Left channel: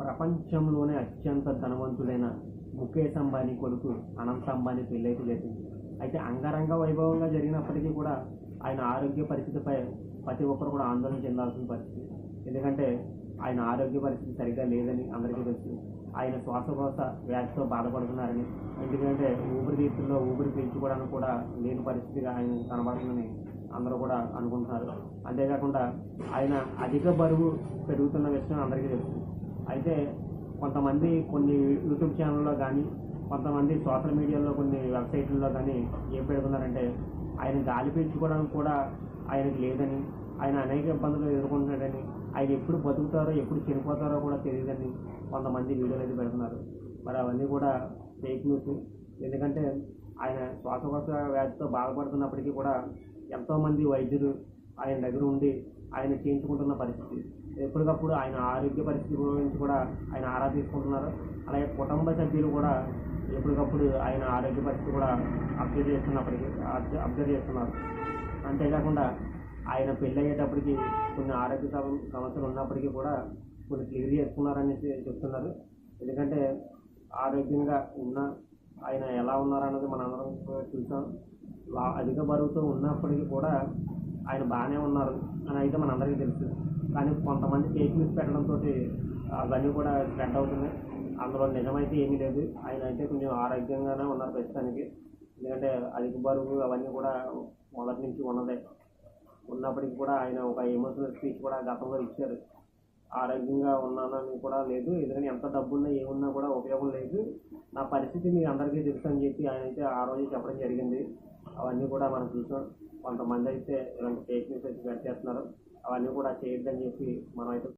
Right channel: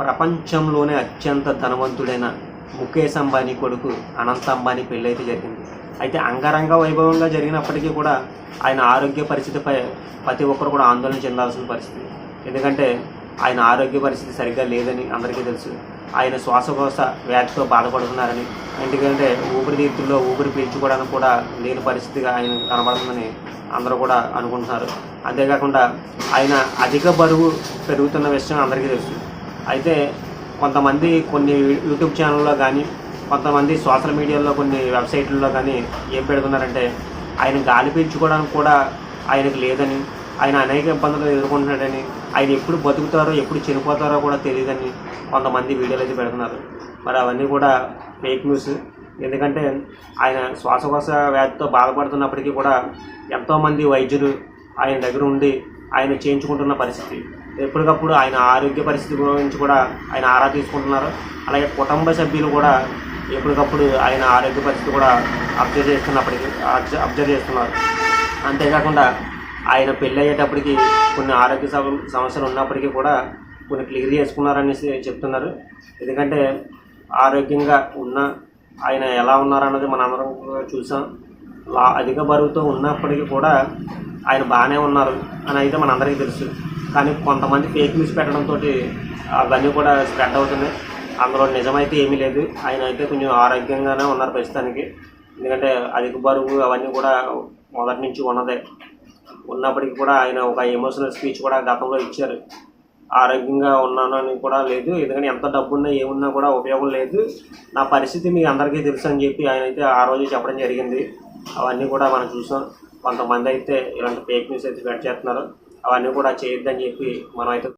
ప్రపంచంలోనే అత్యంత ధనవంతుడైన ముఖేష్ అంబానీ కొడుకు అనంత్ అంబానీ పెళ్ళి అయితే జరిగింది. అయితే అంగరంగ వైభవంగా జరిగినప్పటికీ కూడా ఆయన ఆరోగ్య పరిస్థితిపై ప్రతి ఒక్కరు కూడా ఆందోళన చెందాల్సిన పరిస్థితి. ఎందుకంటే ఆయన ఆరోగ్య పరిస్థితి సరిగ్గా లేదని అందరికీ తెలుసు. ఆయన శ్వాసకోశ వ్యాధితో బాధపడుతున్నారని, ఎందుకంటే ఊపిరితిత్తుల్లో ఊపిరి పీల్చుకోవడానికి కూడా లేని పరిస్థితిగా ఆయన కనబడుతుందని అందరూ కూడా అనుకుంటున్నారు. అంతేకాకుండా ఆయన అధిక బరువు పెరుగుతున్న విషయం అందరికీ తెలుసు. అయితే కొంతమంది కొన్ని యూట్యూబ్ ఛానల్లో కానీ, కొంతమంది సోషల్ మీడియాలో కొన్ని వెబ్సైట్లలో కానీ ఏం పెడుతున్నారంటే ఆయన గాలి పీల్చుకోవడానికి కూడా ఆయనకు లేదని, ఆయన అనేక ఇబ్బందులు ఎదుర్కొంటున్నాడని, ఆయన ఎప్పుడు బతుకుతారో ఎప్పుడు చనిపోతారో కూడా తెలియదని కొంతమంది వీడియోలు అయితే పెడుతున్నారు. మరి అవన్నీ కూడా ఫేక్ న్యూస్. ఎందుకంటే ఆయన శ్వాసకోశ వ్యాధితో బాధపడుతున్నప్పటికీ కూడా ఎంతోమంది వైద్యులు ఆయన దగ్గర ఉండి ఆయన చేయించుకుంటున్న పరిస్థితి. ఎప్పటికప్పుడు ఆయన ఆరోగ్య పరిస్థితి గురించి కూడా ఆయన ఆరా తీసుకుంటున్నారు. అలాగే కుటుంబ సభ్యులు కూడా ఎప్పటికప్పుడు ఆయన ఆరోగ్య పరిస్థితి కూడా అబ్జర్వ్ చేస్తున్నారు. అంతేకాకుండా ఆయన పెళ్ళి అయ్యేటప్పటికి కొన్ని ఆరోగ్య సమస్యలు ఉన్నప్పటికీ కూడా కొన్ని క్లియర్ చేసుకున్నారనేసి చెప్తున్నారు. ఎందుకంటే ఆరోగ్యంగా ఉన్న ఆయన ఎలా ఉన్నారన్నది మనందరం చూసాం. అధిక బరువుతో ఉన్నప్పటికీ కూడా ఆయన బాగానే ఉన్నారు అని అయితే మనందరికీ తెలుసు. కానీ కొంతమంది ఫేక్ న్యూస్ పెట్టడంతో అవన్నీ కూడా స్ప్రెడ్ అవుతున్నాయి. అందులో నిజమైతే ఏమీ లేదు. ఆయన అయితే కొంచెం ఆరోగ్యంగానే ఉన్నారు ప్రస్తుతానికి. ఎందుకంటే అధిక బరువు అవన్నీ కూడా మొదటి నుంచి ఉన్నప్పటికీ కూడా ఆయన ఒక ఎమోషనల్ స్పీచ్ కూడా గతంలో ఇచ్చారు. ఆరోగ్యంగా ఉన్నాను అని కూడా లేదు, ఎందుకంటే ఎంత డబ్బున్నా ఏమున్నా కూడా ఉపయోగం లేదు, నా పరిస్థితి మీకు అందరికీ తెలుసు అని చెప్పి ఆయన అయితే ఆ రోజు చెప్పడం జరిగింది. అవన్నీ కూడా మనం చూసాం. కొంతమంది అయితే ఇలాంటి ఫేక్ న్యూస్ అయితే స్ప్రెడ్ చేస్తున్నారు. అవన్నీ కూడా చేయొద్దని చెప్పి మనం అయితే